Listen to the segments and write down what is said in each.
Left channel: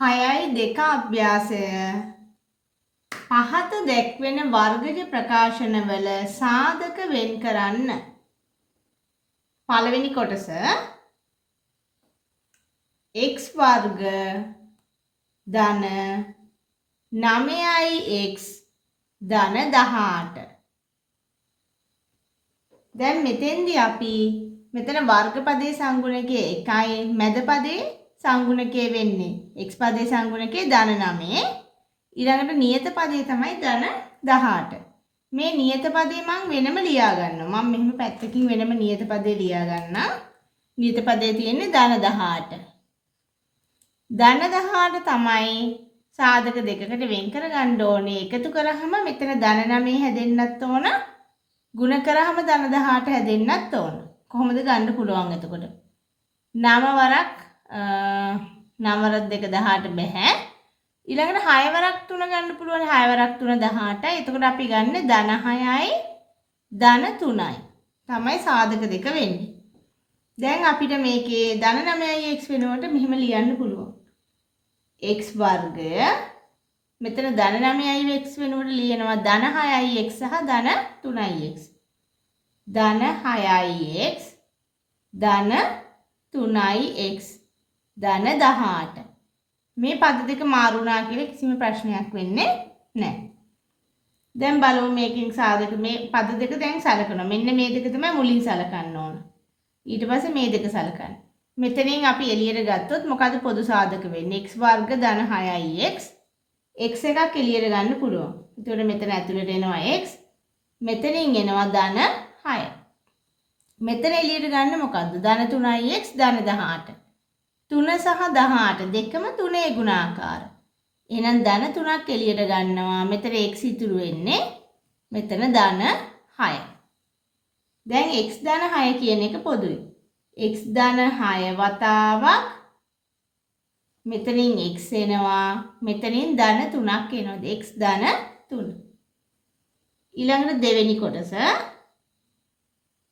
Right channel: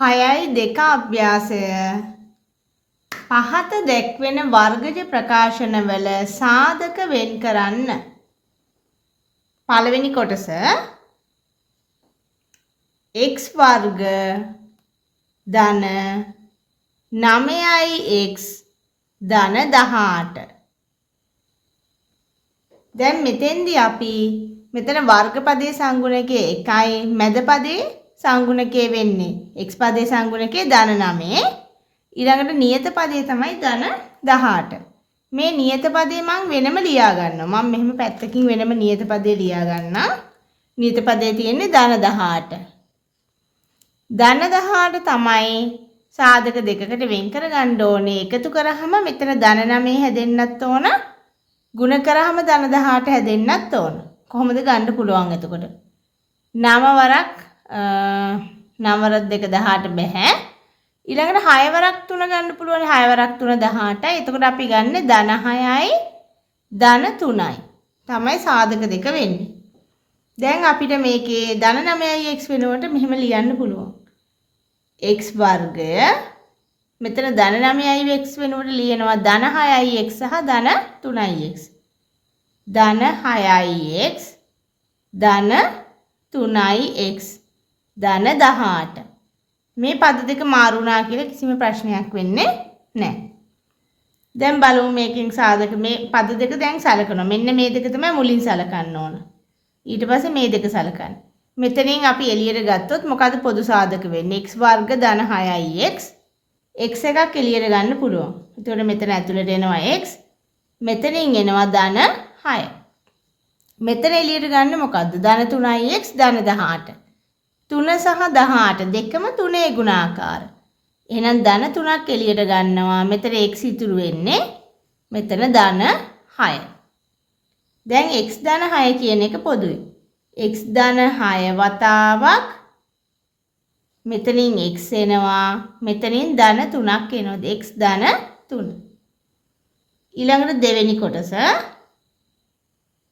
6යි 2 අභ්‍යාසය පහත දැක්වෙන වර්ගජ ප්‍රකාශනවල සාධක වෙන් කරන්න. පළවෙනි කොටස x වර්ග ධන 9x ධන 18. දැන් මෙතෙන්දී අපි මෙතන වර්ග පදයේ සංගුණකයේ 1යි මැද පදයේ සංගුණකයේ වෙන්නේ x පදයේ සංගුණකයේ ධන 9. ඊළඟට නියත පදයේ තමයි ධන 18. මේ නියත පදේ මම වෙනම ලියා ගන්නවා. මම මෙහෙම පැත්තකින් වෙනම නියත පදේ ලියා ගන්නවා. නියත පදේ තියෙන්නේ ධන 18. ධන 18 තමයි සාධක දෙකකට වෙන් කර ගන්න ඕනේ. එකතු කරාම මෙතන ධන 9 හැදෙන්නත් ඕන. ගුණ කරාම ධන 18 හැදෙන්නත් ඕන. කොහොමද ගන්න පුළුවන් එතකොට? 9 වරක් 9 වරක් 2 18 බෑ. ඊළඟට 6 වරක් 3 ගන්න පුළුවන්. 6 වරක් 3 18යි. එතකොට අපි ගන්න ධන 6යි ධන 3යි. තමයි සාධක දෙක වෙන්නේ. දැන් අපිට මේකේ ධන 9යි x වෙනුවට මෙහෙම ලියන්න පුළුවන්. x වර්ගය මෙතන ධන 9යි x වෙනුවට ලියනවා ධන 6යි x සහ ධන 3යි x. ධන 6යි x ධන 3යි x ධන 18. මේ පද දෙක මාරු වුණා කියලා කිසිම ප්‍රශ්නයක් වෙන්නේ නැහැ. දැන් බලමු මේකෙන් සාධක මේ පද දෙක දැන් සලකනවා. මෙන්න මේ දෙක තමයි මුලින් සලකන්න ඕන. ඊට පස්සේ මේ දෙක සලකන්න. මෙතනින් අපි එළියට ගත්තොත් මොකද පොදු සාධක වෙන්නේ? x වර්ග ධන 6යි x. x එකක් එළියට ගන්න පුළුවන්. එතකොට මෙතන ඇතුළට එනවා x. මෙතනින් එනවා ධන 6. මෙතන එළියට ගන්න මොකද්ද? ධන 3යි x ධන 18. 3 සහ 18 දෙකම 3 ගුණාකාර. එහෙනම් ධන 3ක් එළියට ගන්නවා. මෙතන x ඉතුරු වෙන්නේ මෙතන ධන 6. දැන් x ධන 6 කියන එක පොදුයි. x ධන 6 වතාවක් මෙතනින් x එනවා. මෙතනින් ධන 3ක් එනවා. x ධන 3. ඊළඟට දෙවෙනි කොටස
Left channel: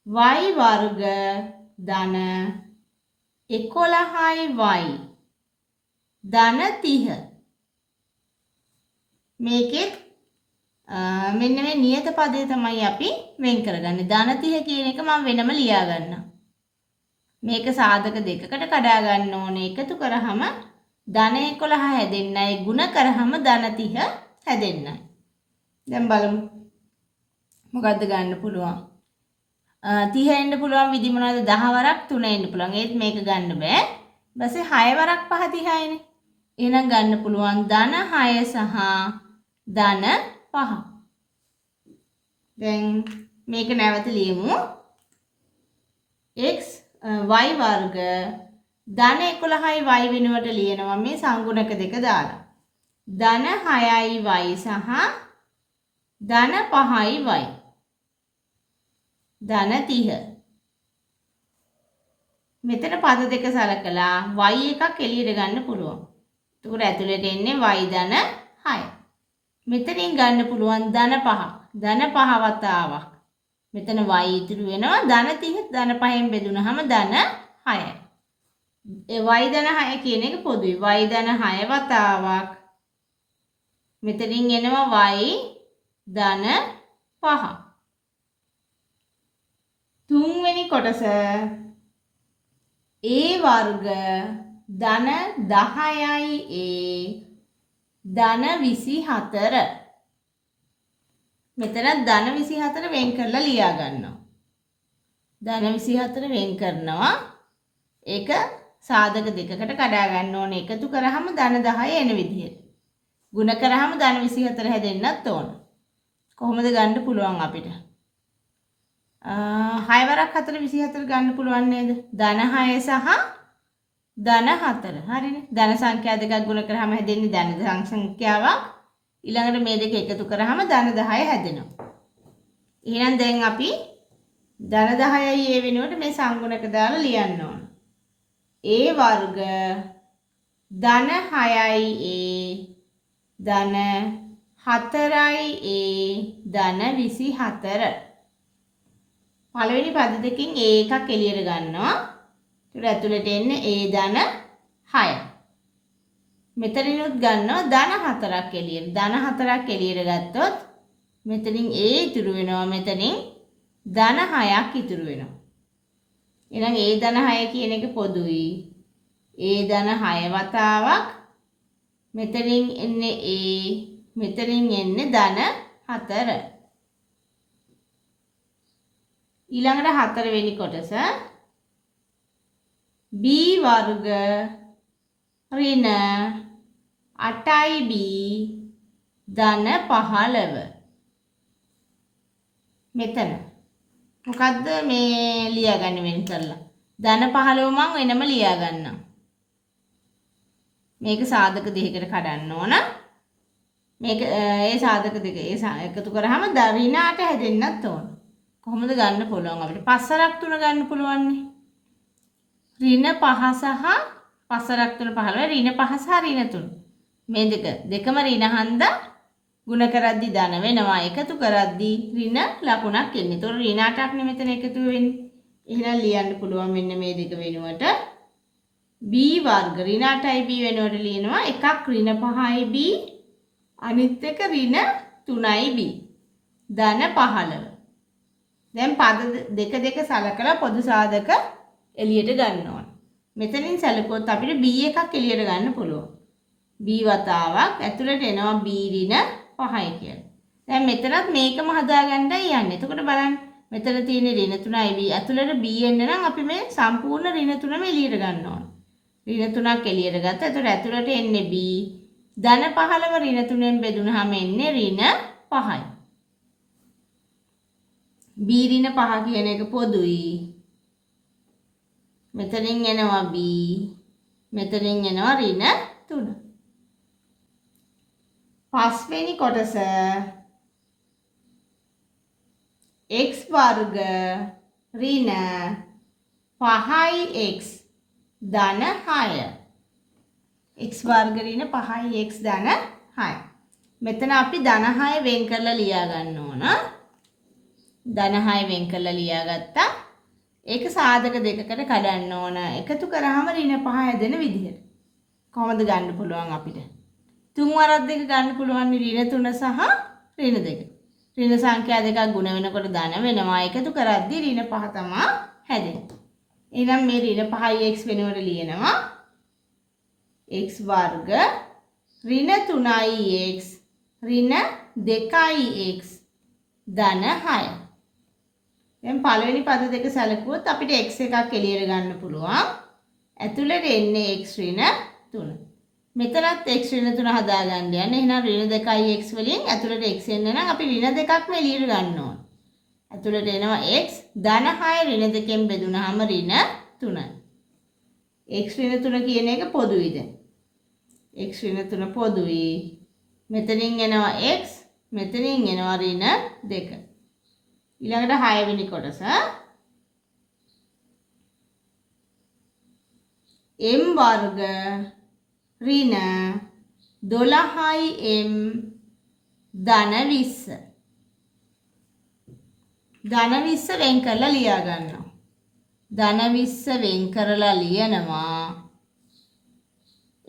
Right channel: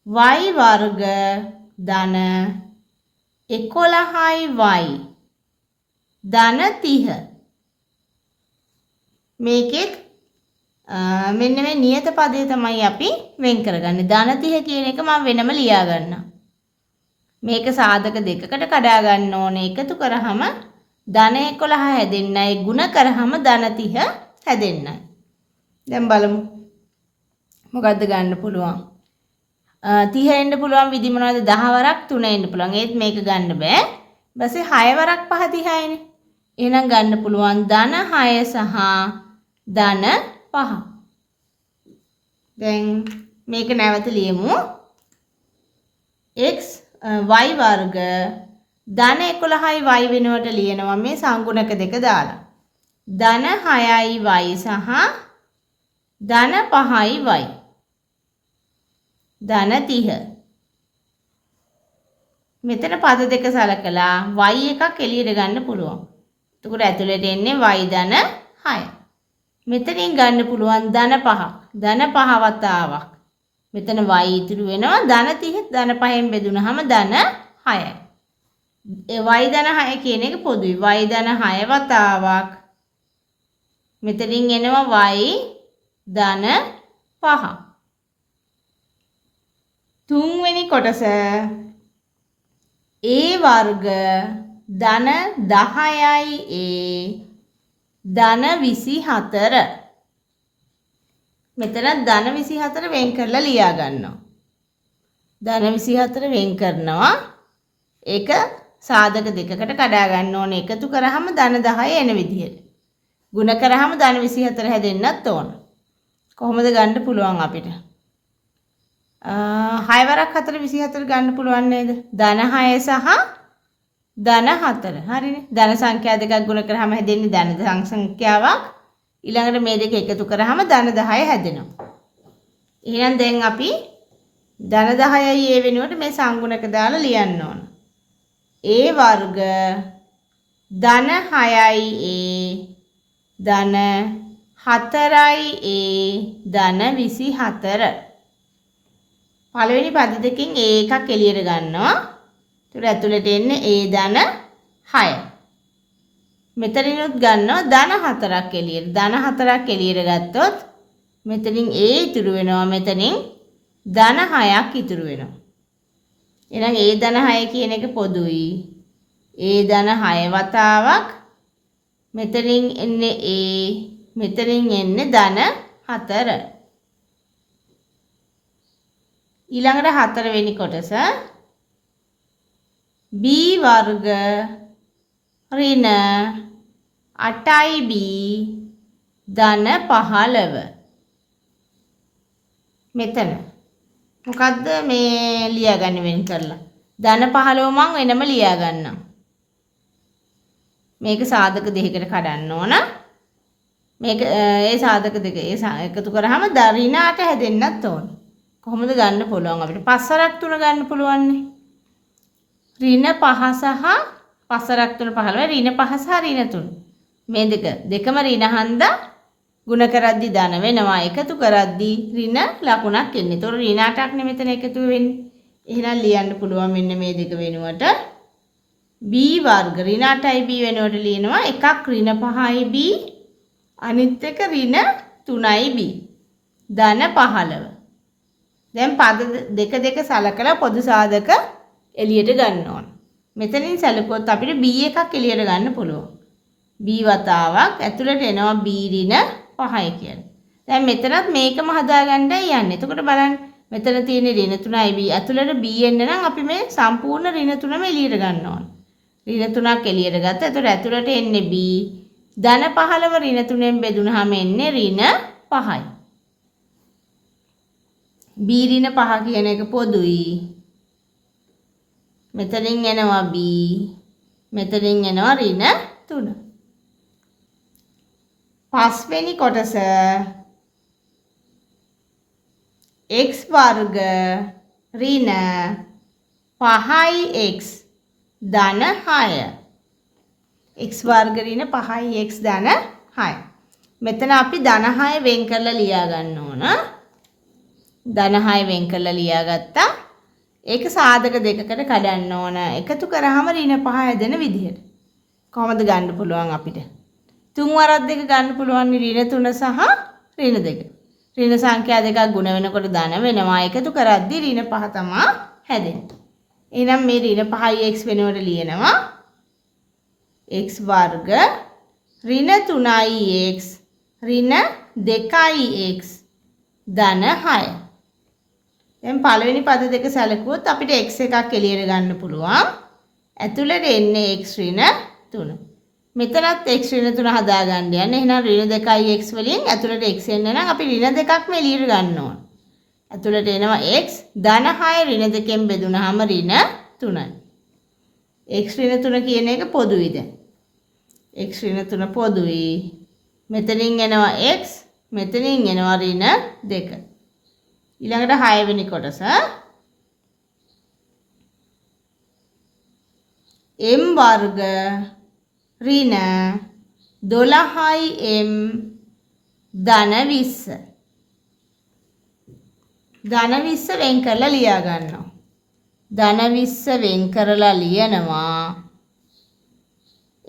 y වර්ග ධන 11යි y ධන 30. මේකෙත් මෙන්න මේ නියත පදේ තමයි අපි වෙන් කරගන්නේ. ධන 30 කියන එක මම වෙනම ලියා ගන්නවා. මේක සාධක දෙකකට කඩා ගන්න ඕනේ. එකතු කරාම ධන 11 හැදෙන්නයි ගුණ කරාම ධන 30 හැදෙන්නයි. දැන් බලමු මොකද්ද ගන්න පුළුවන්. 30 එන්න පුළුවන් විදි මොනවද? 10 වරක් 3 එන්න පුළුවන්. ඒත් මේක ගන්න බෑ. ඊපස්සේ 6 වරක් 5 30යිනේ. එහෙනම් ගන්න පුළුවන් ධන 6 සහ ධන 5. දැන් මේක නැවත ලියමු. x y වර්ග ධන 11යි y වෙනුවට ලියනවා මේ සංගුණක දෙක දාලා. ධන 6යි y සහ ධන 5යි y. ධන 30. මෙතන පද දෙක සලකලා y එකක් එළියට ගන්න පුළුවන්. එතකොට ඇතුළට එන්නේ y ධන 6. මෙතනින් ගන්න පුළුවන් ධන 5. ධන 5 වතාවක්. මෙතන y ඉතුරු වෙනවා ධන 30 ධන 5ෙන් බෙදුනහම ධන 6යි. ඒ y ධන 6 කියන එක පොදුයි. y ධන 6 වතාවක් මෙතනින් එනවා y ධන 5. තුන්වෙනි කොටස a වර්ග ධන 10යි a ධන 24. මෙතන ධන 24 වෙන් කරලා ලියා ගන්නවා. ධන 24 වෙන් කරනවා. ඒක සාධක දෙකකට කඩා ගන්න ඕනේ. එකතු කරාම ධන 10 එන විදිහට. ගුණ කරාම ධන 24 හැදෙන්නත් ඕන. කොහොමද ගන්න පුළුවන් අපිට? 6 වරක් 4 24 ගන්න පුළුවන් නේද? ධන 6 සහ ධන 4. හරිනේ. ධන සංඛ්‍යා දෙකක් ගුණ කරාම හැදෙන්නේ ධන සංඛ්‍යාවක්. ඊළඟට මේ දෙක එකතු කරාම ධන 10 හැදෙනවා. එහෙනම් දැන් අපි ධන 10යි a වෙනුවට මේ සංගුණක දාලා ලියන්න ඕන. a වර්ග ධන 6යි a ධන 4යි a ධන 24. පළවෙනි පද දෙකෙන් a එකක් එළියට ගන්නවා. ඒතර ඇතුළට එන්නේ a ධන 6. මෙතනිනුත් ගන්නවා ධන 4ක් එළියට. ධන 4ක් එළියට ගත්තොත් මෙතනින් A ඉතුරු වෙනවා. මෙතනින් ධන 6ක් ඉතුරු වෙනවා. එහෙනම් A ධන 6 කියන එක පොදුයි. A ධන 6 වතාවක් මෙතනින් එන්නේ A, මෙතනින් එන්නේ ධන 4. ඊළඟට 4 වෙනි කොටස B වර්ග ඍණ 8B ධන 15. මෙතන මොකද්ද මේ ලියාගන්න වෙන කරලා ධන 15 මම වෙනම ලියා ගන්නම්. මේක සාධක දෙකකට කඩන්න ඕන. මේක ඒ සාධක දෙක එකතු කරාම ඍණ 8 හැදෙන්නත් ඕන. කොහොමද ගන්න පුළුවන් අපිට? 5 3 ගන්න පුළුවන් නේ. ඍණ 5 සහ 5 3 15 ඍණ 5 සහ ඍණ 3. මේ දෙකම ඍණ හන්දා ගුණ කරද්දි ධන වෙනවා. එකතු කරද්දි ඍණ ලකුණක් එන්නේ. ඒතකොට ඍණ 8ක් නේ මෙතන එකතු වෙන්නේ. එහෙනම් ලියන්න පුළුවන් මෙන්න මේ දෙක වෙනුවට b වර්ග ඍණ 8යි b වෙනුවට ලියනවා. එකක් ඍණ 5යි b අනිත් එක ඍණ 3යි b ධන 15. දැන් පද දෙක දෙක සලකලා පොදු සාධක එළියට ගන්න ඕන. මෙතනින් සැලකුවොත් අපිට b එකක් එළියට ගන්න පුළුවන්. b වතාවක් ඇතුළට එනවා b ඍණ 5යි කියලා. දැන් මෙතනත් මේකම හදාගන්නයි යන්නේ. එතකොට බලන්න මෙතන තියෙන ඍණ 3යි b ඇතුළට b එන්න නම් අපි මේ සම්පූර්ණ ඍණ 3ම එළියට ගන්න ඕන. ඍණ 3ක් එළියට ගත්තා. එතකොට ඇතුළට එන්නේ b ධන 15 ඍණ 3ෙන් බෙදුනහම එන්නේ ඍණ 5යි. b ඍණ 5 කියන එක පොදුයි. මෙතනින් එනවා b මෙතනින් එනවා ඍණ 3. පස්වෙනි කොටස x වර්ග ඍණ 5x ධන 6. x වර්ග ඍණ 5x ධන 6. මෙතන අපි ධන 6 වෙන් කරලා ලියා ගන්න ඕන. ධන 6 වෙන් කරලා ලියාගත්තා. ඒක සාධක දෙකකට කඩන්න ඕන. එකතු කරාම ඍණ 5 හැදෙන විදිහට. කොහොමද ගන්න පුළුවන් අපිට? තුන් වරක් දෙක ගන්න පුළුවන් ඍණ 3 සහ ඍණ 2. ඍණ සංඛ්‍යා දෙකක් ගුණ වෙනකොට ධන වෙනවා. එකතු කරද්දී ඍණ 5 තමයි හැදෙන්නේ. එහෙනම් මේ ඍණ 5යි x වෙනුවට ලියනවා. x වර්ග ඍණ 3යි x ඍණ 2යි x ධන 6. දැන් පළවෙනි පද දෙක සැලකුවොත් අපිට x එකක් එළියට ගන්න පුළුවන්. ඇතුළට එන්නේ x ඍණ 3. මෙතනත් x ඍණ 3 හදාගන්න යන්නේ. එහෙනම් ඍණ 2යි x වලින් ඇතුළට x එන්න නම් අපි ඍණ 2ක්ම එළියට ගන්න ඕන. ඇතුළට එනවා x ධන 6 ඍණ 2කින් බෙදුනහම ඍණ 3යි. x ඍණ 3 කියන එක පොදුයිද? x ඍණ 3 පොදුයි. මෙතනින් එනවා x මෙතනින් එනවා ඍණ 2. ඊළඟට 6 වෙනි කොටස m වර්ග ඍණ 12යි m ධන 20. ධන 20 වෙන් කරලා ලියා ගන්නවා. ධන 20 වෙන් කරලා ලියනවා.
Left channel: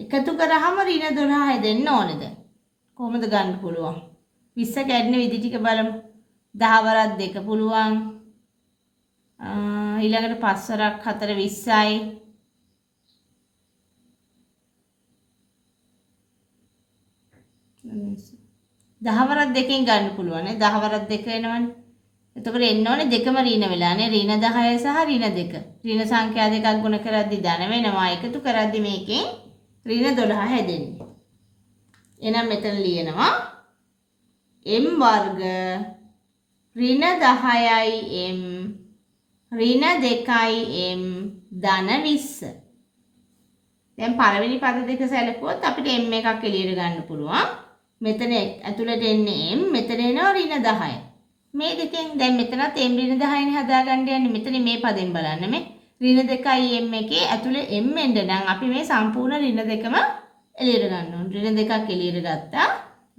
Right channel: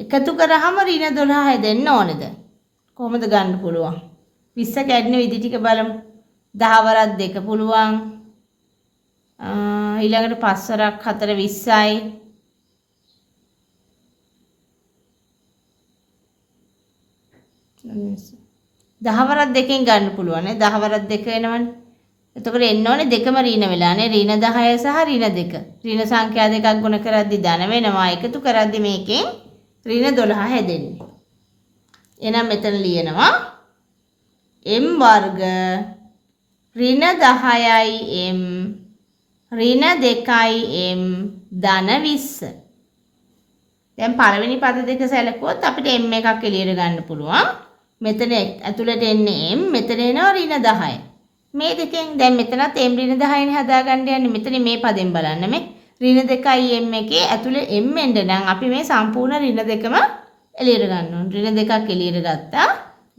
එකතු කරාම ඍණ 12 හැදෙන්න ඕනේද? කොහොමද ගන්න පුළුවන්? 20 කැඩෙන විදි ටික බලමු. 10 වරක් 2 පුළුවන්. ඊළඟට 5 වරක් 4 20යි. 10 වරක් 2කින් ගන්න පුළුවන් නේ. 10 වරක් 2 එනවනේ. එතකොට එන්න ඕනේ දෙකම ඍණ වෙලානේ. ඍණ 10 සහ ඍණ 2. ඍණ සංඛ්‍යා දෙකක් ගුණ කරද්දී ධන වෙනවා. එකතු කරද්දී මේකෙන් ඍණ 12 හැදෙන්නේ. එහෙනම් මෙතන ලියනවා m වර්ග ඍණ 10යි m ඍණ 2යි m ධන 20. දැන් පළවෙනි පද දෙක සැලකුවොත් අපිට m එකක් එළියට ගන්න පුළුවන්. මෙතන ඇතුළට එන්නේ m මෙතන එනවා ඍණ 10යි. මේ දෙකෙන් දැන් මෙතනත් m ඍණ 10යිනේ හදාගන්න යන්නේ. මෙතන මේ පදෙන් බලන්න මේ ඍණ 2යි m එකේ ඇතුළේ m එන්න නම් අපි මේ සම්පූර්ණ ඍණ දෙකම එළියට ගන්න ඕනේ. ඍණ දෙකක් එළියට ගත්තා.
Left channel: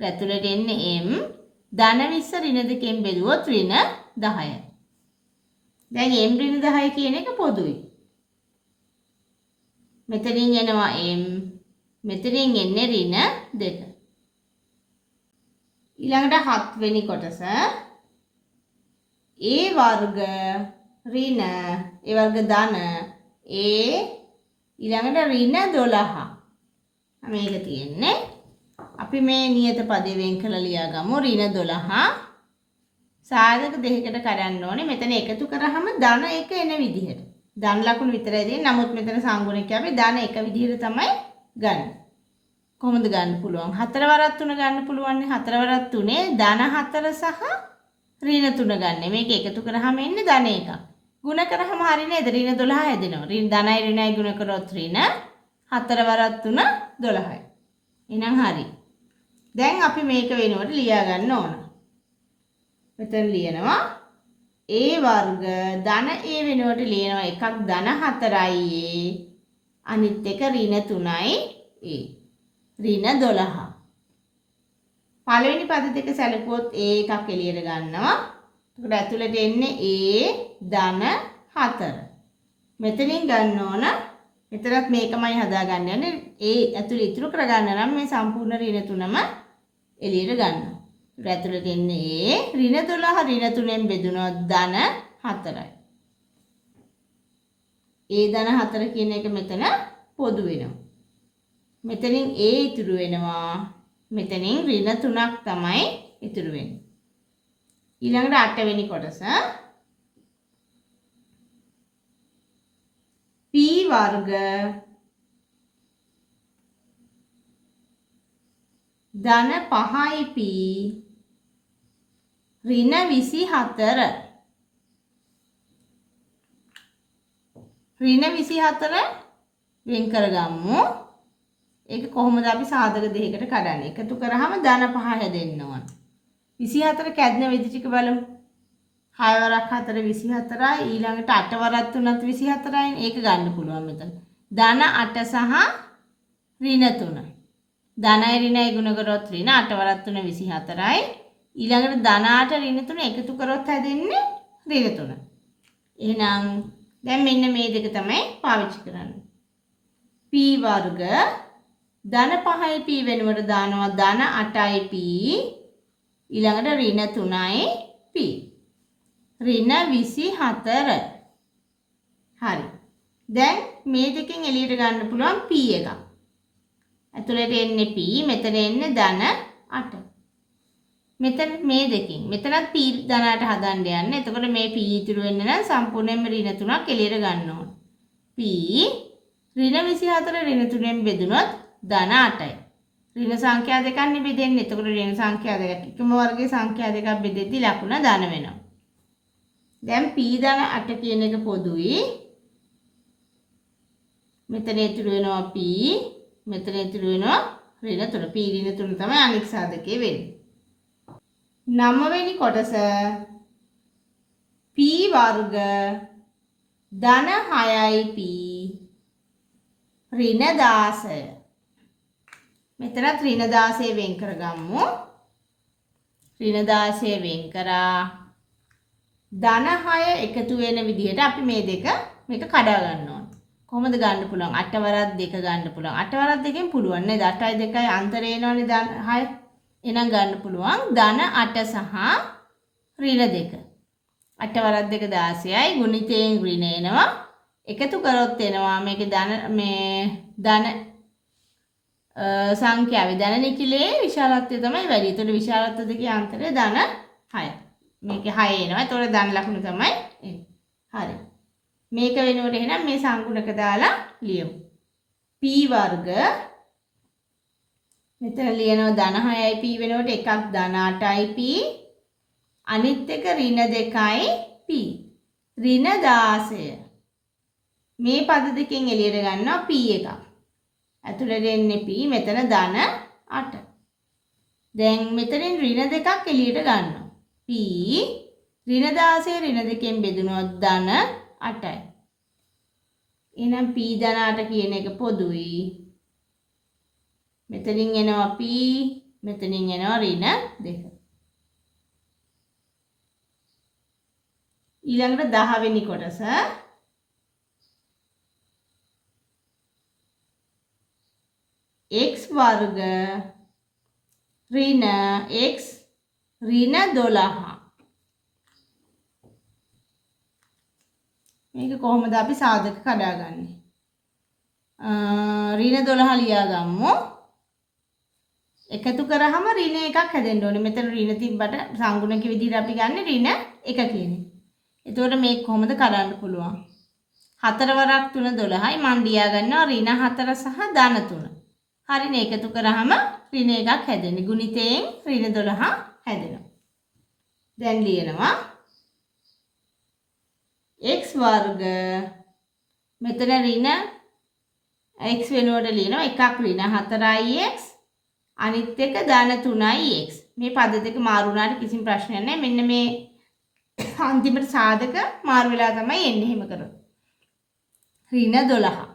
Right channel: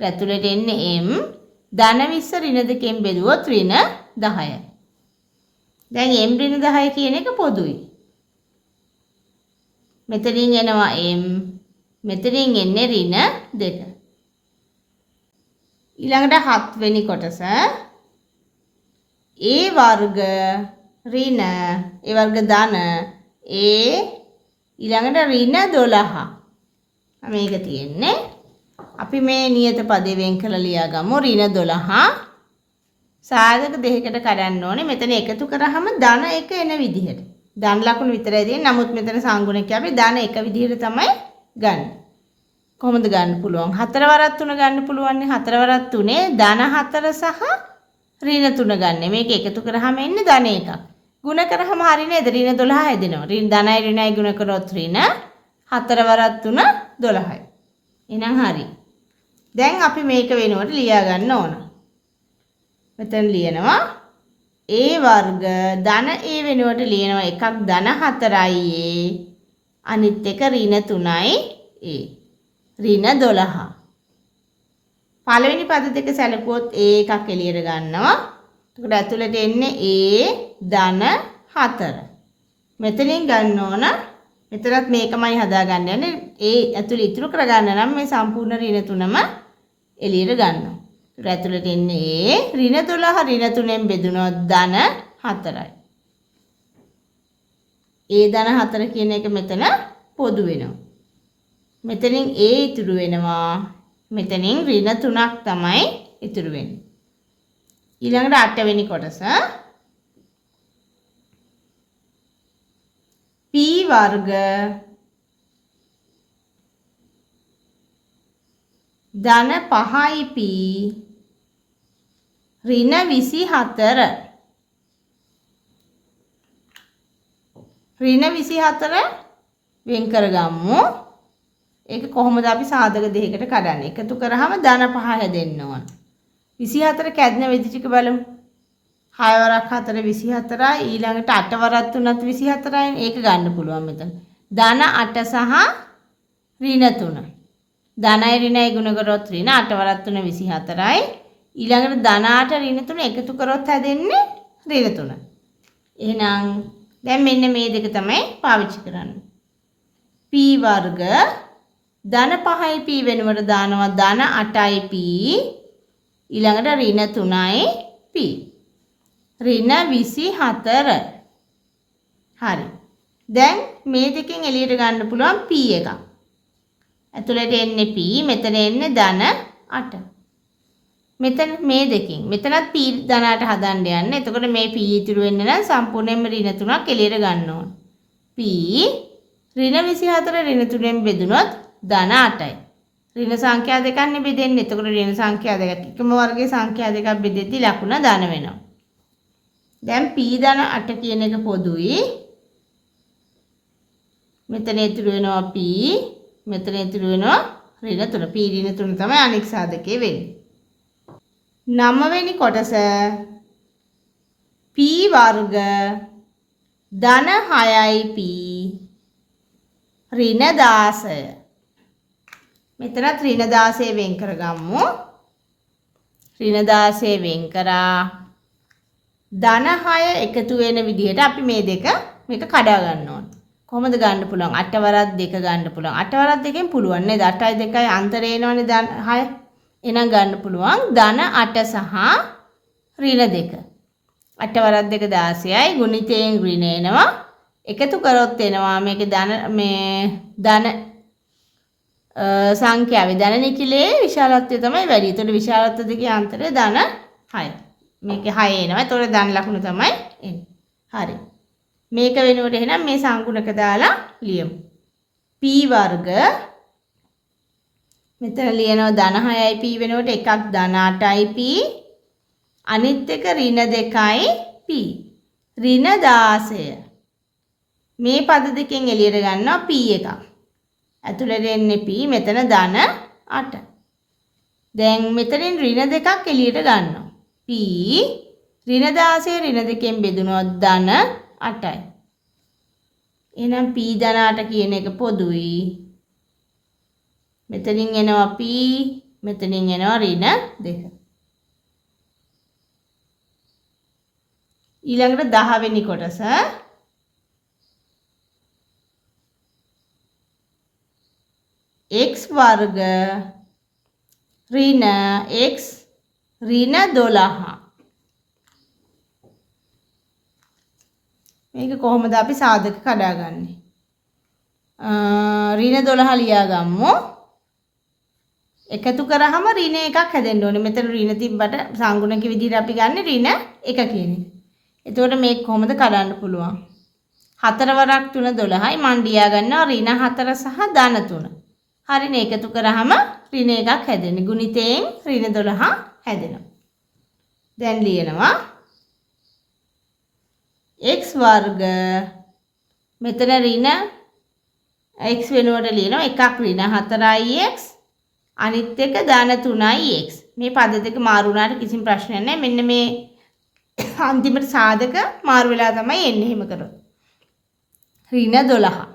ඇතුළට එන්නේ m ධන 20 ඍණ 2කින් බෙදුවොත් ඍණ 10යි. දැන් m ඍණ 10 කියන එක පොදුයි. මෙතනින් එනවා m මෙතනින් එන්නේ ඍණ 2. ඊළඟට 7 වෙනි කොටස a වර්ග ඍණ a වර්ග ධන a ඊළඟට ඍණ 12. මේක තියෙන්නේ අපි මේ නියත පදේ වෙන් කරලා ලියා ගමු. ඍණ 12 සාධක දෙකකට කඩන්න ඕනේ. මෙතන එකතු කරාම ධන 1 එන විදිහට. ධන ලකුණු විතරයි දෙන්නේ. නමුත් මෙතන සංගුණකේ අපි ධන 1 විදිහට තමයි ගන්න. කොහොමද ගන්න පුළුවන්? 4 වරක් 3 ගන්න පුළුවන් නේ. 4 වරක් 3 ධන 4 සහ ඍණ 3 ගන්න. මේක එකතු කරාම එන්නේ ධන 1ක්. ගුණ කරාම හරිය නේද? ඍණ 12 හැදෙනවා. ධනයි ඍණයි ගුණ කරොත් ඍණ 4 වරක් 3 12යි. එහෙනම් හරි. දැන් අපි මේක වෙනුවට ලියා ගන්න ඕන. මෙතන ලියනවා a වර්ග ධන a වෙනුවට ලියනවා එකක් ධන 4යි a අනිත් එක ඍණ 3යි a ඍණ 12. පළවෙනි පද දෙක සැලකුවොත් a එකක් එළියට ගන්නවා. එතකොට ඇතුළට එන්නේ a ධන 4. මෙතනින් ගන්න ඕන මෙතනත් මේකමයි හදාගන්න යන්නේ. a ඇතුළේ ඉතුරු කරගන්න නම් මේ සම්පූර්ණ ඍණ 3ම එළියට ගන්නවා. ඒත් ඇතුළට එන්නේ a ඍණ 12 ඍණ 3ෙන් බෙදුනොත් ධන 4යි. a ධන 4 කියන එක මෙතන පොදු වෙනවා. මෙතනින් a ඉතුරු වෙනවා. මෙතනින් ඍණ 3ක් තමයි ඉතුරු වෙන්නේ. ඊළඟට 8 වෙනි කොටස p වර්ග ධන 5යි p ඍණ 24. ඍණ 24 වෙන් කරගමු. ඒක කොහොමද අපි සාධක දෙකකට කඩන්නේ? එකතු කරාම ධන 5 හැදෙන්න ඕන. 24 කැඩෙන විදි ටික බලමු. 6 වරක් 4 24යි ඊළඟට 8 වරක් 3ත් 24යි. ඒක ගන්න පුළුවන් මෙතන. ධන 8 සහ ඍණ 3. ධනයි ඍණයි ගුණ කරොත් ඍණ 8 වරක් 3 24යි. ඊළඟට ධන 8 ඍණ 3 එකතු කරොත් හැදෙන්නේ ඍණ 3. එහෙනම් දැන් මෙන්න මේ දෙක තමයි පාවිච්චි කරන්නේ. p වර්ග ධන 5යි p වෙනුවට දානවා ධන 8යි p ඊළඟට ඍණ 3යි p ඍණ 24. හරි. දැන් මේ දෙකෙන් එළියට ගන්න පුළුවන් p එකක්. ඇතුළට එන්නේ p මෙතන එන්නේ ධන 8. මෙතන මේ දෙකෙන් මෙතනත් p ධන 8 හදන්න යන්නේ. එතකොට මේ p ඉතුරු වෙන්න නම් සම්පූර්ණයෙන්ම ඍණ 3ක් එළියට ගන්න ඕන. p ඍණ 24 ඍණ 3ෙන් බෙදුනොත් ධන 8යි. ඍණ සංඛ්‍යා දෙකක් නේ බෙදෙන්නේ. එතකොට ඍණ සංඛ්‍යා දෙකක් එකම වර්ගයේ සංඛ්‍යා දෙකක් බෙදෙද්දි ලකුණ ධන වෙනවා. දැන් p ධන 8 කියන එක පොදුයි. මෙතන ඉතුරු වෙනවා p මෙතන ඉතුරු වෙනවා ඍණ 3. p ඍණ 3 තමයි අනෙක් සාධකයේ වෙන්නේ. 9 වෙනි කොටස p වර්ග ධන 6යි p ඍණ 16. මෙතනත් ඍණ 16 වෙන් කරගමු. ඍණ 16 වෙන් කරා ධන 6 එකතු වෙන විදිහට අපි මේ දෙක මේක කඩා ගන්න ඕන. කොහොමද ගන්න පුළුවන්? 8 වරක් 2 ගන්න පුළුවන්. 8 වරක් 2කින් පුළුවන් නේද? 8යි 2යි අන්තරේ එනවනේ ධන 6. එහෙනම් ගන්න පුළුවන් ධන 8 සහ ඍණ 2. 8 වරක් 2 16යි ගුණිතයෙන් ඍණ එනවා. එකතු කරොත් එනවා මේකේ ධන සංඛ්‍යාවේ ධන නිකිලේ විශාලත්වය තමයි වැඩි. ඒතකොට විශාලත්ව දෙකේ අන්තරය ධන 6. මේකේ 6 එනවා. ඒතකොට ධන ලකුණු තමයි එන්නේ. හරි. මේක වෙනුවට එහෙනම් මේ සංකුණක දාලා ලියමු. p වර්ග මෙතන ලියනවා ධන 6යි p වෙනුවට එකක් ධන 8යි p අනිත් එක ඍණ 2යි p ඍණ 16. මේ පද දෙකෙන් එළියට ගන්නවා p එකක්. ඇතුළට එන්නේ p මෙතන ධන 8. දැන් මෙතනින් ඍණ 2ක් එළියට ගන්නවා. p ඍණ 16 ඍණ 2කින් බෙදුනොත් ධන 8යි. එහෙනම් p ධන 8 කියන එක පොදුයි. මෙතනින් එනවා p මෙතනින් එනවා ඍණ 2. ඊළඟට 10 වෙනි කොටස x වර්ග ඍණ x ඍණ 12. මේක කොහොමද අපි සාධක කඩාගන්නේ? ඍණ 12 ලියා ගමු. එකතු කරාම ඍණ එකක් හැදෙන්න ඕනේ. මෙතන ඍණ තිබ්බට සංගුණක විදිහට අපි ගන්න ඍණ 1 කියන එක. එතකොට මේක කොහොමද කඩන්න පුළුවන්? 4 වරක් 3 12යි මන් ලියා ගන්නවා ඍණ 4 සහ ධන 3. හරිනේ එකතු කරාම ඍණ එකක් හැදෙන්නේ. ගුණිතයෙන් ඍණ 12 හැදෙනවා. දැන් ලියනවා x වර්ග මෙතන ඍණ x වෙනුවට ලියනවා එකක් ඍණ 4ix අනිත් එක ධන 3ix. මේ පද දෙක මාරු වුණාට කිසිම ප්‍රශ්නයක් නැහැ. මෙන්න මේ අන්තිමට සාධක මාරු වෙලා තමයි එන්නේ. එහෙම කරොත් ඍණ 12.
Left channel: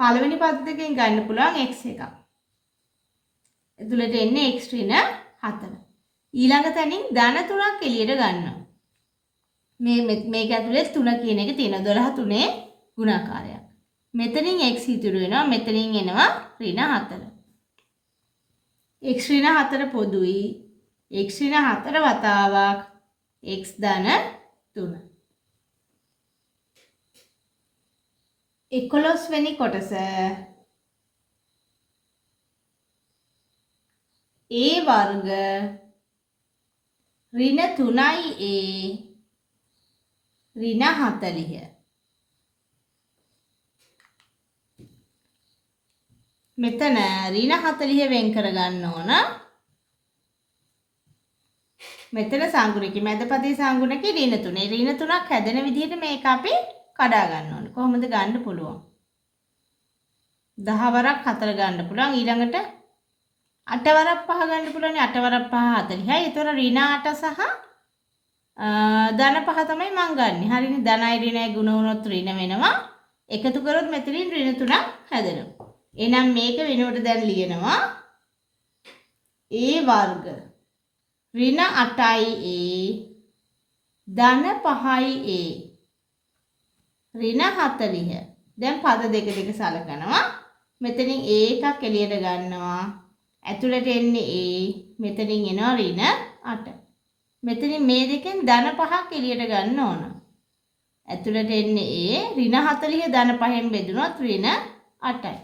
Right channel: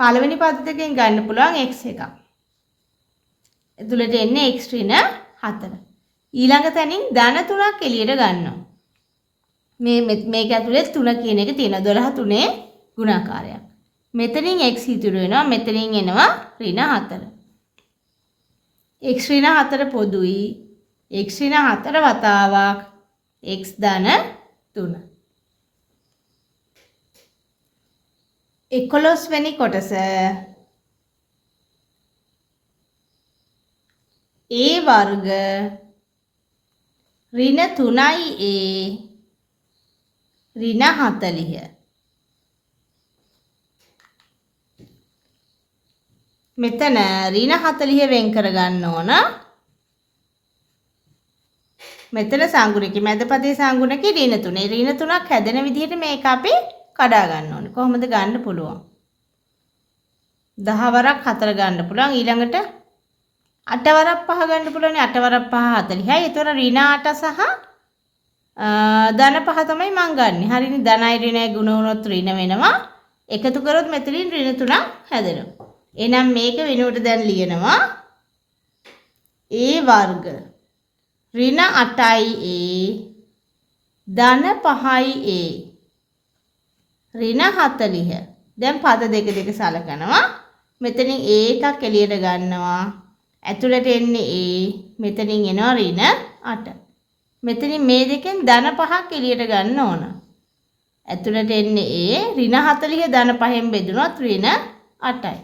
පළවෙනි පද දෙකෙන් ගන්න පුළුවන් x එකක්. එතුළට එන්නේ x ඍණ 4. ඊළඟ තැනින් ධන 3ක් එළියට ගන්නවා. මේක ඇතුලේ 3 කියන එක තියෙනවා. 12 3 ගුණාකාරයක්. මෙතනින් x ඉතුරු වෙනවා. මෙතනින් එනවා ඍණ 4. x ඍණ 4 පොදුයි. x ඍණ 4 වතාවක් x ධන 3. 11 වෙනි කොටස a වර්ග ඍණ 3a ඍණ 40. මෙතන ඍණ 40 වෙන් කරගන්න ඕන. මෙතන සංගුණකේ මැද පදේ සංගුණකේ ඍණ 3. ඍණ 3ක් හැදෙන විදිහට මේක අපි කඩා ගන්න ඕනේ. කොහොමද ගන්න පුළුවන්? 10 වරක් 4 ගන්න පුළුවන්. ඊළඟට 8 වරක් 5 ගන්න පුළුවන්. 8 වරක් 5 40යි. ඒතර ඍණ 8 සහ ධන 5 තමයි මං ගන්නෙ. හරිනේ. ධනයි ඍණයි ගුණ වුණොත් ඍණ වෙනවා. එකතු කරොත් මෙතනින් ඍණ 3ක් හැදෙනවා. එහෙනම් මේක වෙනුවට දැන් ලියනවා a වර්ග ඍණ 8යි a ධන 5යි a ඍණ 40. දැන් පද දෙක දෙක සලකනවා. මෙතනින් a එකක් එළියට ගන්නවා. ඇතුළට එන්නේ a. මෙතනින් එනවා ඍණ 8. මෙතනින් මේ දෙකෙන් ධන 5ක් එළියට ගන්න ඕන. ඇතුළට එන්නේ a. ඍණ 40 ධන 5ෙන් බෙදුනොත් ඍණ 8යි.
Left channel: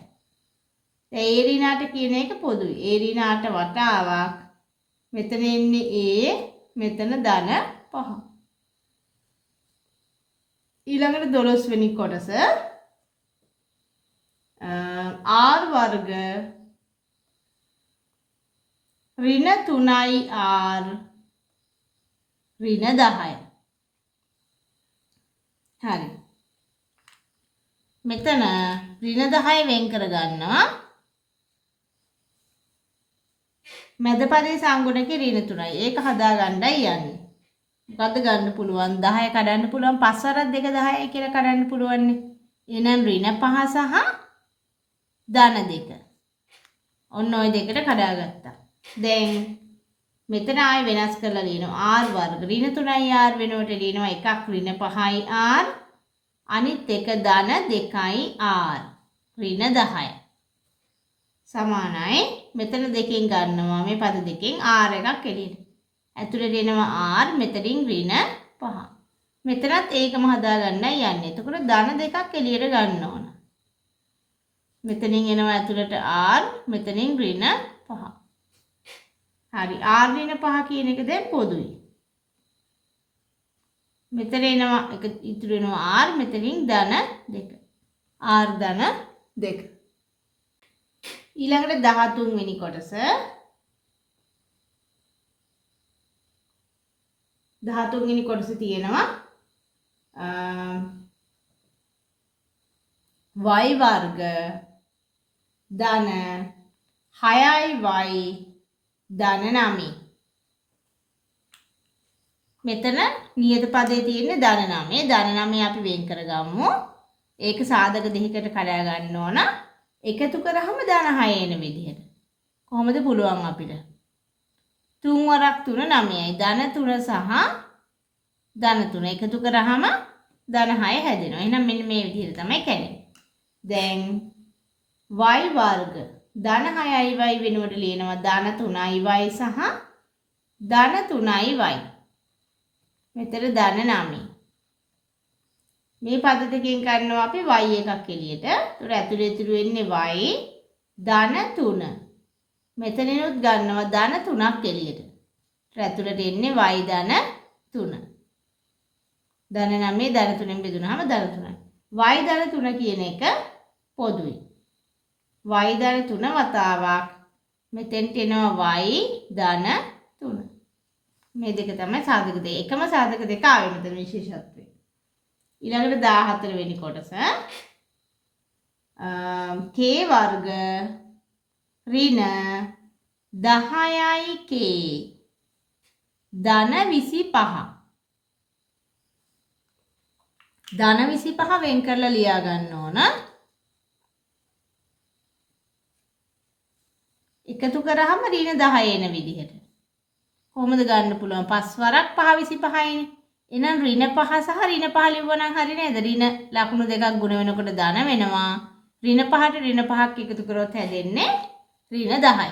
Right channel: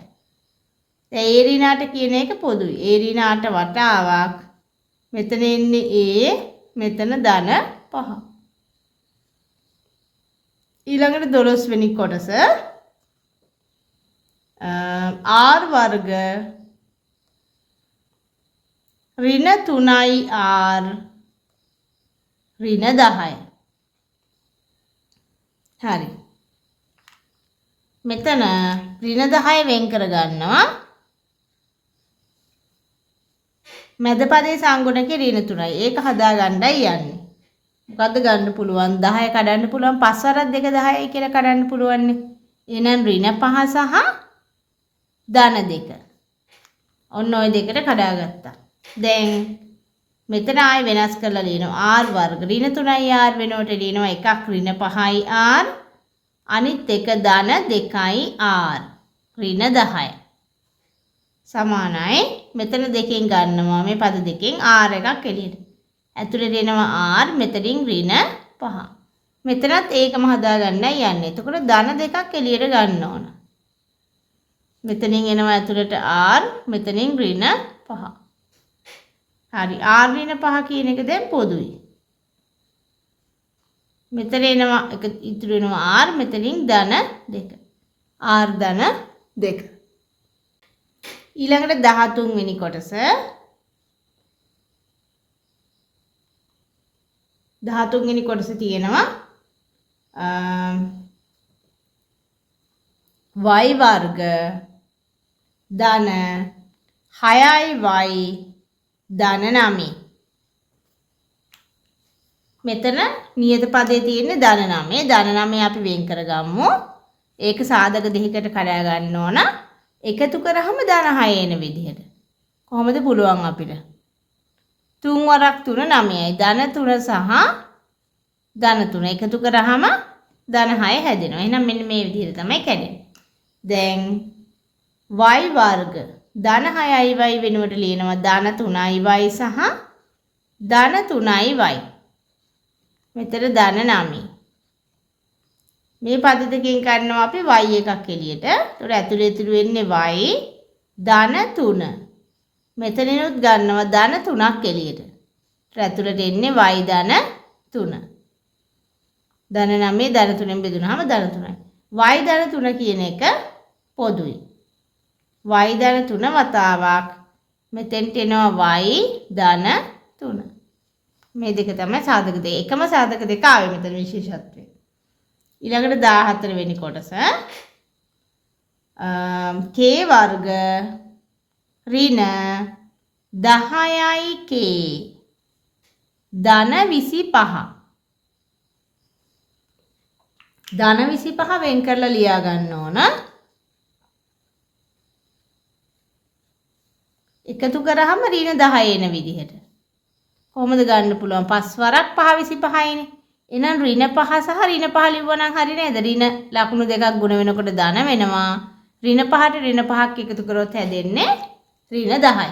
දැන් a ඍණ 8 කියන එක පොදුයි. a ඍණ 8 වතාවක් මෙතන එන්නේ a. මෙතන ධන 5. ඊළඟට 12 වෙනි කොටස r වර්ග ඍණ 3i r ඍණ 10. හරි. මෙතන ඍණ 10 වෙන් කර ගන්නවා. මැද පදේ සංගුණකේ ඍණ 3යි. ඒක හදා ගන්නයි යන්නේ. මොකද්ද ගන්න පුළුවන්? 10 කඩන්න පුළුවන්. 5 වරක් 2 10යි කියලා කඩන්න පුළුවන් නේ. එහෙනම් ඍණ 5 සහ ධන 2. ඔන්න ඔය දෙකට කඩාගත්තා. දැන් මෙතන ආයෙ වෙනස් කරලා ලියනවා r වර්ග ඍණ 3i r වෙනුවට ලියනවා එකක් ඍණ 5i r අනිත් එක ධන 2i r ඍණ 10. සමානයි. මෙතන දෙකෙන් ගන්නවා මේ පද දෙකෙන් r එකක් එළියට. ඇතුළේ දෙනවා r මෙතනින් ඍණ 5. මෙතනත් ඒකම හදාගන්නයි යන්නේ. එතකොට ධන දෙකක් එළියට ගන්න ඕන. මෙතනින් එනවා ඇතුළට r මෙතනින් ඍණ 5. හරි. r ඍණ 5 කියන එක දැන් පොදුයි. මෙතන එනවා එක ඉතුරු වෙනවා r මෙතනින් ධන 2. r ධන 2. ඊළඟට 13 වෙනි කොටස 13 වෙනි කොටස තියෙනවා y වර්ග ධන 6y ධන 9. මෙතන නියත පදේ තියෙන්නේ ධන 9. ධන 9 අපි වෙන් කරගමු. ඒක සාධක දෙකකට කඩා ගන්න ඕන. එකතු කරාම ධන 6 එන විදිහට. කොහොමද පුළුවන් අපිට? 3 වරක් 3 9යි. ධන 3 සහ ධන 3 එකතු කරාම ධන 6 හැදෙනවා. එහෙනම් මෙන්න මේ විදිහට තමයි කැඩෙන්නේ. දැන් y වර්ග ධන 6y වෙනුවට ලියනවා ධන 3y සහ ධන 3y. මෙතන ධන 9. මේ පද දෙකෙන් ගන්නවා අපි y එකක් එළියට. ඒතර ඇතුලේ ඉතුරු වෙන්නේ y ධන 3. මෙතනිනුත් ගන්නවා ධන 3ක් එළියට. ඒතර ඇතුලට එන්නේ y ධන 3. ධන 9 ධන 3ෙන් බෙදුනහම ධන 3යි. y ධන 3 කියන එක පොදුයි. y ධන 3 වතාවක් මෙතෙන්ට එනවා y ධන 3. මේ දෙක තමයි සාධක දෙක. එකම සාධක දෙක ආවේ මෙතන විශේෂත්වය. ඊළඟට 14 වෙනි කොටස k වර්ග ඍණ 10යි k ධන 25. ධන 25 වෙන් කරලා ලියා ගන්න ඕන. එකතු කරාම ඍණ 10 එන විදිහට. කොහොමද ගන්න පුළුවන්? 5 වරක් 5 25යිනේ. එහෙනම් ඍණ 5 සහ ඍණ 5 ලිව්වනම් හරි නේද? ඍණ ලකුණු දෙකක් ගුණ වෙනකොට ධන වෙනවා. ඍණ 5ට ඍණ 5ක් එකතු කරොත් හැදෙන්නේ ඍණ 10යි.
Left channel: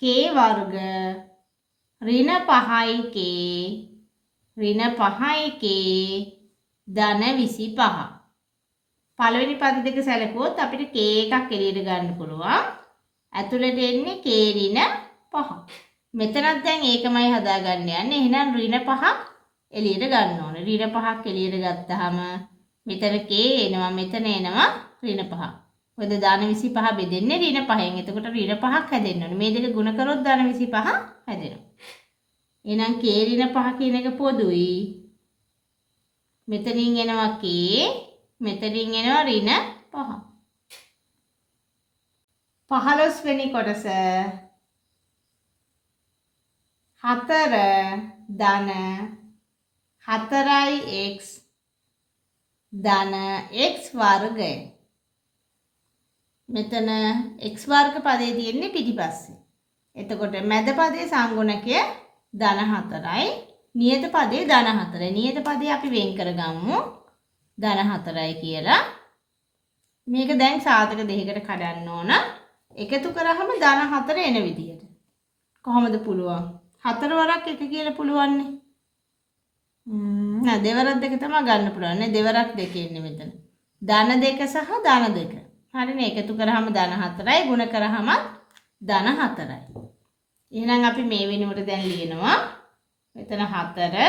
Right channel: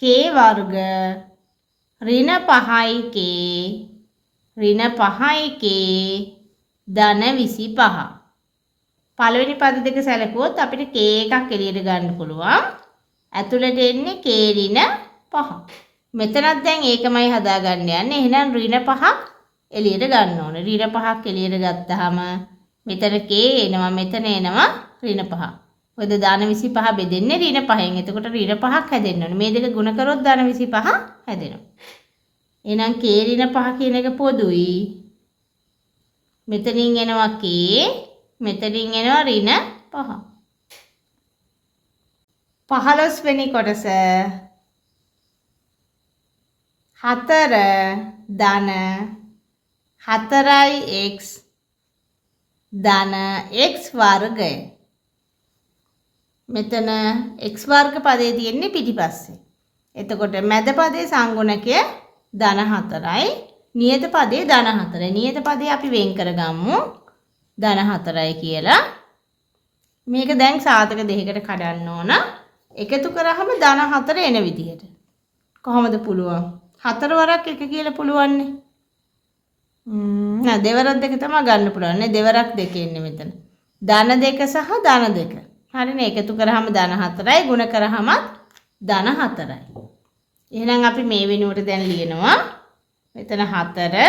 k වර්ග ඍණ 5යි k ඍණ 5යි k ධන 25. පළවෙනි පද දෙක සැලකුවොත් අපිට k එකක් එළියට ගන්න පුළුවන්. ඇතුළට එන්නේ k ඍණ 5. මෙතනත් දැන් ඒකමයි හදාගන්න යන්නේ. එහෙනම් ඍණ 5ක් එළියට ගන්න ඕනේ. ඍණ 5ක් එළියට ගත්තාම මෙතන k එනවා, මෙතන එනවා ඍණ 5. මොකද ධන 25 බෙදෙන්නේ ඍණ 5ෙන්. එතකොට ඍණ 5ක් හැදෙන්න ඕනේ. මේ දෙක ගුණ කරොත් ධන 25 හැදෙනවා. එහෙනම් k ඍණ 5 කියන එක පොදුයි. මෙතනින් එනවා k, මෙතනින් එනවා ඍණ 5. 15 වෙනි කොටස 4 ධන 4x ධන x වර්ගය. මෙතන x වර්ග පදේ තියෙන්නේ පිටිපස්සේ. එතකොට මැද පදේ සංගුණකය ධන 4යි, නියත පදේ ධන 4යි. නියත පදේ අපි වෙන් කරගමු ධන 4යි කියලා. මේක දැන් සාධක දෙකකට කඩන්න ඕන. එකතු කරාම ධන 4 එන විදිහට. කොහොමද පුළුවන්? 4 වරක් එක කියලා පුළුවන්නේ. නෑ දෙවරක් දෙක තමයි ගන්න පුළුවන් නේ. දෙවරක් දෙක එන්නේ මෙතන. ධන 2 සහ ධන 2. හරිනේ. එකතු කරාම ධන 4යි, ගුණ කරාම ධන 4යි. එහෙනම් අපි මේ වෙනුවට දැන් ලියනවා මෙතන 4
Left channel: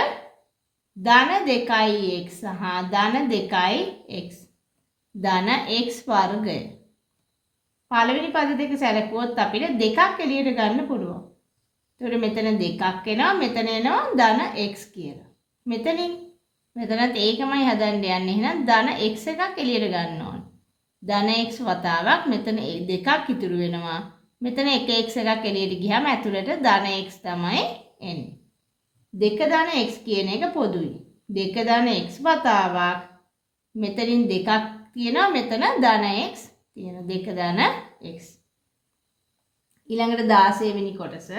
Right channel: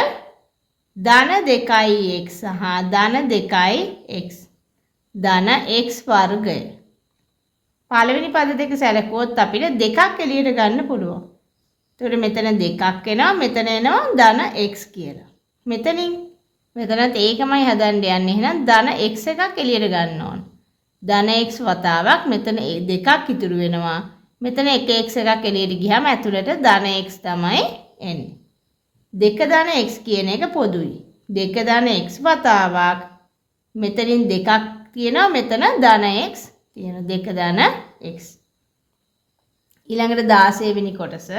ධන 2x සහ ධන 2x ධන x වර්ගය. පළවෙනි පද දෙක සැලකුවොත් අපිට දෙකක් එළියට ගන්න පුළුවන්. ඒතකොට මෙතන දෙකක් එනවා, මෙතන එනවා ධන x කියලා. මෙතනත් ඒකමයි හදන්න යන්නේ. එහෙනම් ධන x එකක් එළියට ගන්න ඕන. ධන x වතාවක් මෙතන දෙකක් ඉතුරු වෙනවා. මෙතන 1x එකක් එළියට ගියාම ඇතුළට ධන x තමයි එන්නේ. 2 ධන x කියන එක පොදුයි. 2 ධන x වතාවක් මෙතනින් දෙකක් තියෙනවා, මෙතන ධන x තියෙනවා. 2 ධන x. ඊළඟට 16 වෙනි කොටස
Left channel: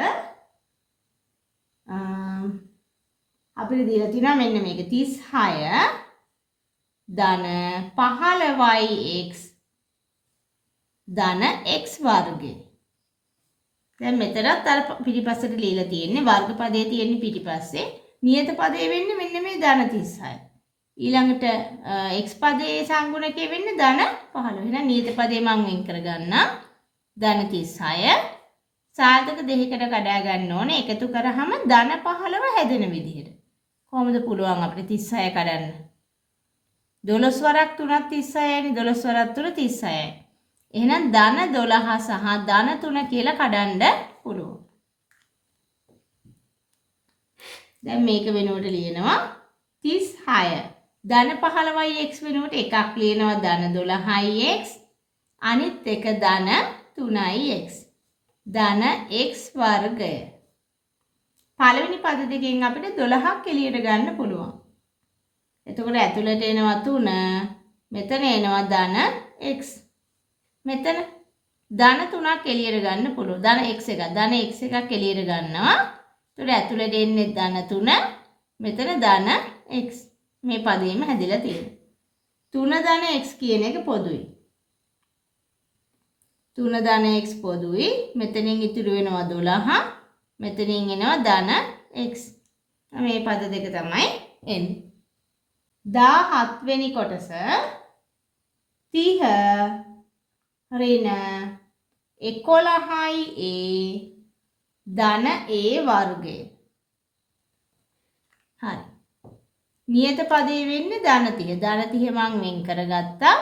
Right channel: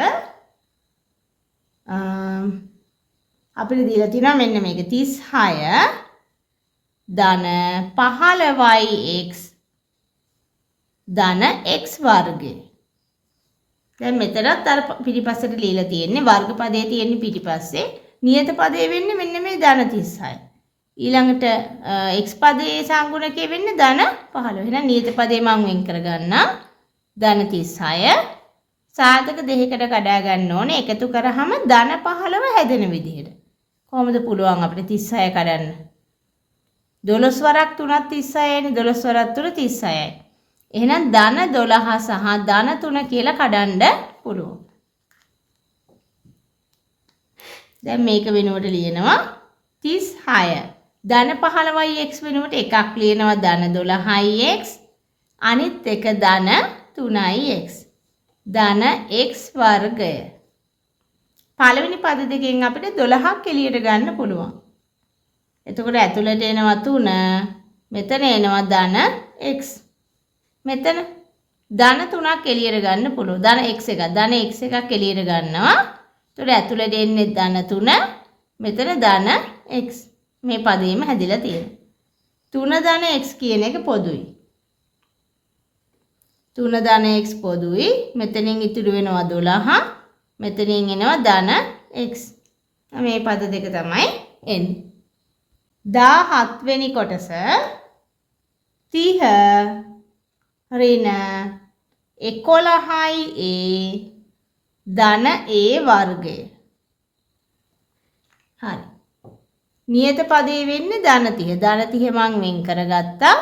අපිට දීලා තියෙනවා මෙන්න මේක 36 ධන 15x ධන x වර්ගය. දැන් මෙතනත් අර පිටිපස්සට ලියලා තියෙන්නේ වර්ග පදයේ තියෙන්නේ පිටිපස්සේ. නියත පදයේ වෙන්නේ මෙන්න මේ ධන 36. ඊළඟට x පදයේ සංගුණකයේ වෙන්නේ ධන 15. එහෙනම් නියත පදේ මම වෙන් කරගන්නම් ධන 36. සාධක දෙකකට කඩා ගන්න ඕනේ. එකතු කරාම ධන 15 හැදෙන විදිහට. කොහොමද පුළුවන් අපිට 36 කඩන්න? 12 වරක් 3ක් 36යිනේ. 12 වරක් 3 36යි. එහෙනම් ධන 12 සහ ධන 3 කියලා කඩන්න පුළුවන්. දැන් මේක වෙනුවට ලියනවා 36. ධන 15x වෙනුවට එකක් ලියනවා ධන 12x. අනිත් එක ධන 3x. ධන x වර්ගය. පළවෙනි පද දෙකෙන් අපිට 12ක් එළියට ගන්න පුළුවන්. එතකොට ඇතුළට එනවා 3, මෙතන එනවා ධන x. මෙතන ධන 3ක් එළියට ගන්න පුළුවන්. ධන x එකක් එළියට ගන්නවා. එතකොට ඇතුළට එන්නේ ධන 3, මෙතන ධන x. මේ පදේම හැදිලා තියෙනවා. 3 ධන x කියන එක පොදුයි. 3 ධන x පොදුයි. මෙතනින් ඉතුරු වෙනවා 12. මෙතනින් එනවා ධන x. මේ පද දෙක තමයි එන්නේ. 17 වෙනි කොටස 30 ඍණ 11යි ධන වර්ගය. හරි. නියත පදේ වෙන්නේ ධන 30. ධන 30 මම වෙන් කරගත්තා.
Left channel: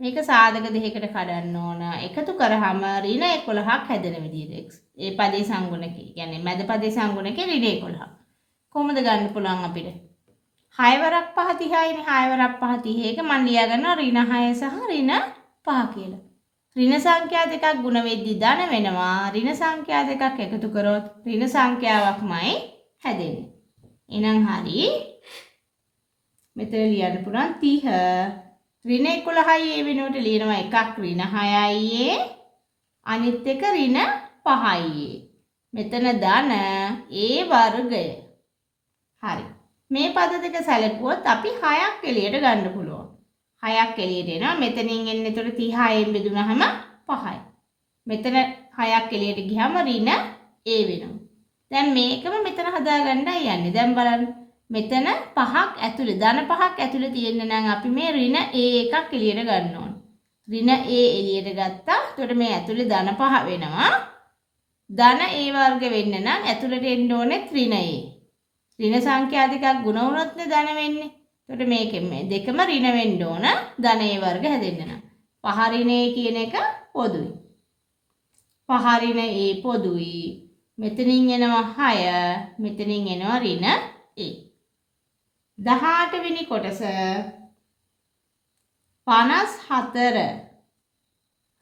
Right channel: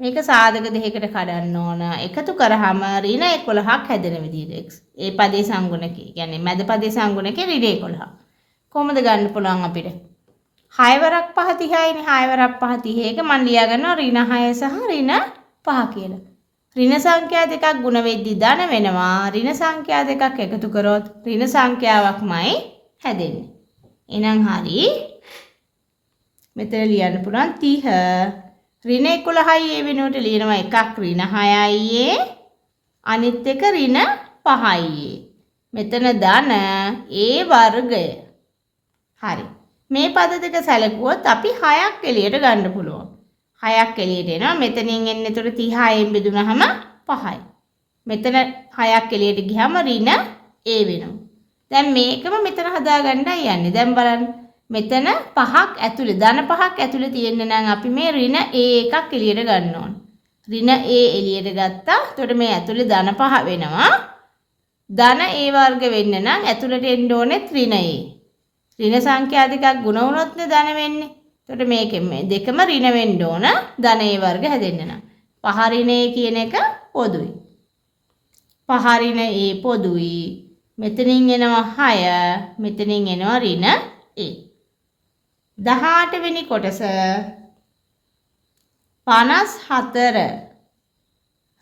මේක සාධක දෙකකට කඩන්න ඕන. එකතු කරාම ඍණ 11ක් හැදෙන විදිහට x. ඒ පදේ සංගුණකේ. කියන්නේ මැද පදේ සංගුණකේ ඍණ 11. කොහොමද ගන්න පුළුවන් අපිට? 6 වරක් 5 30යිනේ. 6 වරක් 5 30. ඒක මම ලියා ගන්නවා ඍණ 6 සහ ඍණ 5 කියලා. ඍණ සංඛ්‍යා දෙකක් ගුණ වෙද්දී ධන වෙනවා. ඍණ සංඛ්‍යා දෙකක් එකතු කරොත් ඍණ සංඛ්‍යාවක්මයි හැදෙන්නේ. එහෙනම් හරි. මෙතන ලියන්න පුළුවන් 30 ඍණ 11යි ඒ වෙනුවට ලියනවා එකක් ඍණ 6යි අනිත් එක ඍණ 5යි. මෙතන ධන වර්ගය. හරි. මේ පද දෙක සැලකුවොත් අපි 6ක් එළියට ගන්න පුළුවන්. 6ක් එළියට එනවා. මෙතනින් එන්නේ ඒතර 36න් බෙදුනහම 5යි. මෙතන 6ක් එළියට ගියාම ඍණ වෙනවා. දැන් මේකම මෙතන හදාගන්නයි යන්නේ. දැන් බලන්න. මෙතන 5ක් ඇතුලේ ධන 5ක් ඇතුලේ තියෙන්න නම් අපි මේ ඍණ එකක් එළියට ගන්න ඕන. ඍණ එළියට ගත්තා. එතකොට මේ ඇතුලේ ධන 5 වෙනවා. ධන වර්ග වෙන්න නම් ඇතුලට එන්න ඕනේ ඍණ ඍණ සංඛ්‍යා දෙකක් ගුණ වුණොත් නේ ධන වෙන්නේ. එතකොට මේකෙන් මේ දෙකම ඍණ වෙන්න ඕන ධන වර්ග හැදෙන්න නම්. 5 ඍණ කියන එක පොදුයි. 5 ඍණ පොදුයි. මෙතනින් එනවා 6. මෙතනින් එනවා ඍණ 18 වෙනි කොටස 54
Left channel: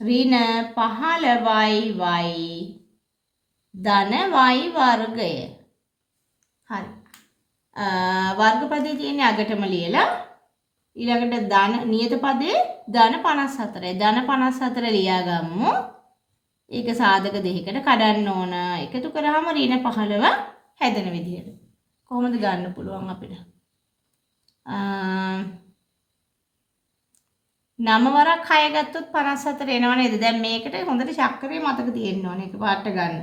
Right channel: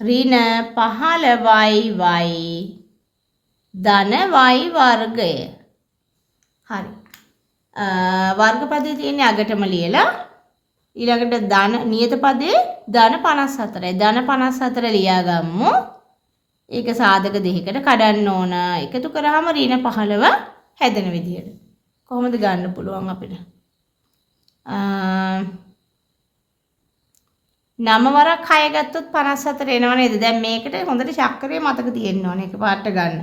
ඍණ 15y ධන y වර්ගය. හරි. වර්ගපදයේ තියෙන අගටම ලියලා ඊළඟට ධන නියත පදේ ධන 54යි. ධන 54 ලියා ගමු. ඒක සාධක දෙකකට කඩන්න ඕන. එකතු කරාම ඍණ 15 හැදෙන විදිහට. කොහොමද ගන්න පුළුවන් අපිට? 9 වරක් 6 ගත්තොත් 54 එනව නේද? දැන් මේකට හොඳට චක්‍රය මතක තියෙන්න ඕනේ. එකපාරට ගන්න.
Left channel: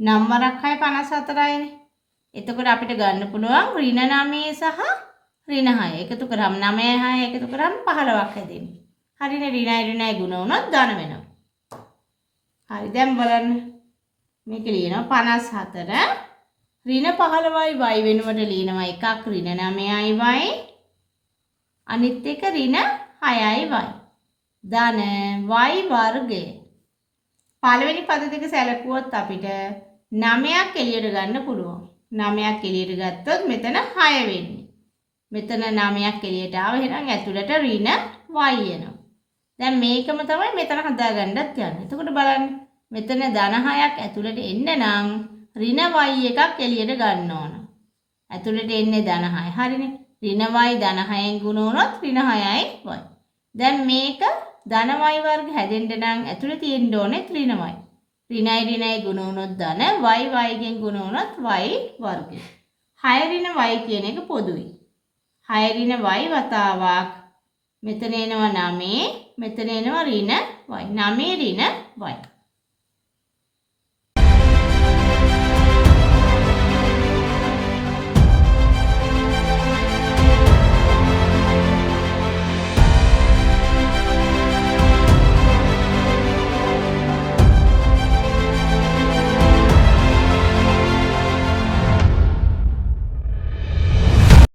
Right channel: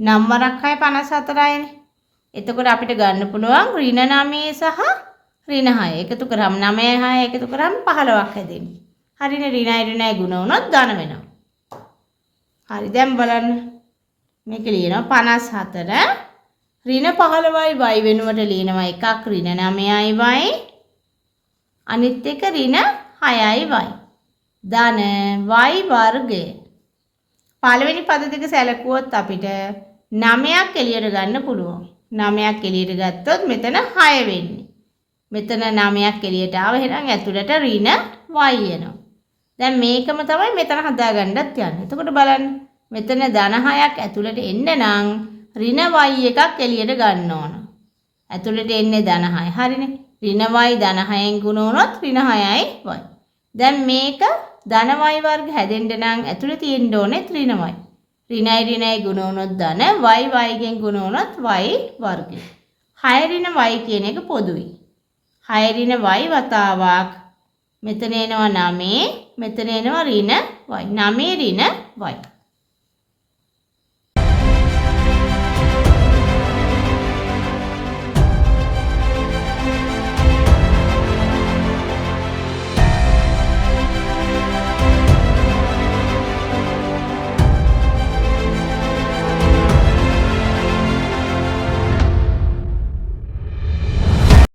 9 වරක් 6 54යිනේ. එතකොට අපිට ගන්න පුළුවන් ඍණ 9 සහ ඍණ 6. එකතු කරාම 9 6 එකතු කරාම 15ක් හැදෙන්නේ. හරිනේ. ඍණයි ගුණ වුණොත් ධන වෙනවා. හරි. දැන් බලන්න. මේක ලියනවා 54 ඍණ 15යි y වෙනුවට ලියනවා එකක් ඍණ 9යි y අනිත් එක ඍණ 6යි y ධන y වර්ගය. පළවෙනි පද දෙක සැලකුවොත් අපිට 9ක් එළියට ගන්න පුළුවන්. 9ක් එළියට ගත්තොත් මෙතන 6 වෙන්නේ. මෙතන 9ක් එළියට ආව එහෙනම් ඇතුළට ඍණ y එනවා. දැන් මේකම තමයි මෙතන හදාගන්නත් යන්නේ. එතකොට බලන්න. මෙතන ධන 6ක් ඇතුළට එන්න නම් ඍණ y එකක් එළියට ගන්න ඕන. ඇතුළට එන්නේ ධන 6. හරිනේ. ඍණ y ධන 6න් ගුණ වුණොත් ඍණ 6යි y. දැන් මේක ධන y වර්ග හැදෙන්න නම් ඇතුළේ තියෙන්න ඕනේ ඍණ y. ඍණයි ගුණ වුණොත් ධන y ගෙන් ගුණ වුණොත් y වර්ගය. 6 ඍණ y කියන එක පොදුයි. 6 ඍණ y වතාවක් මෙතන එනවා 9 මෙතන එනවා ඍණ y. 9 ඍණ y.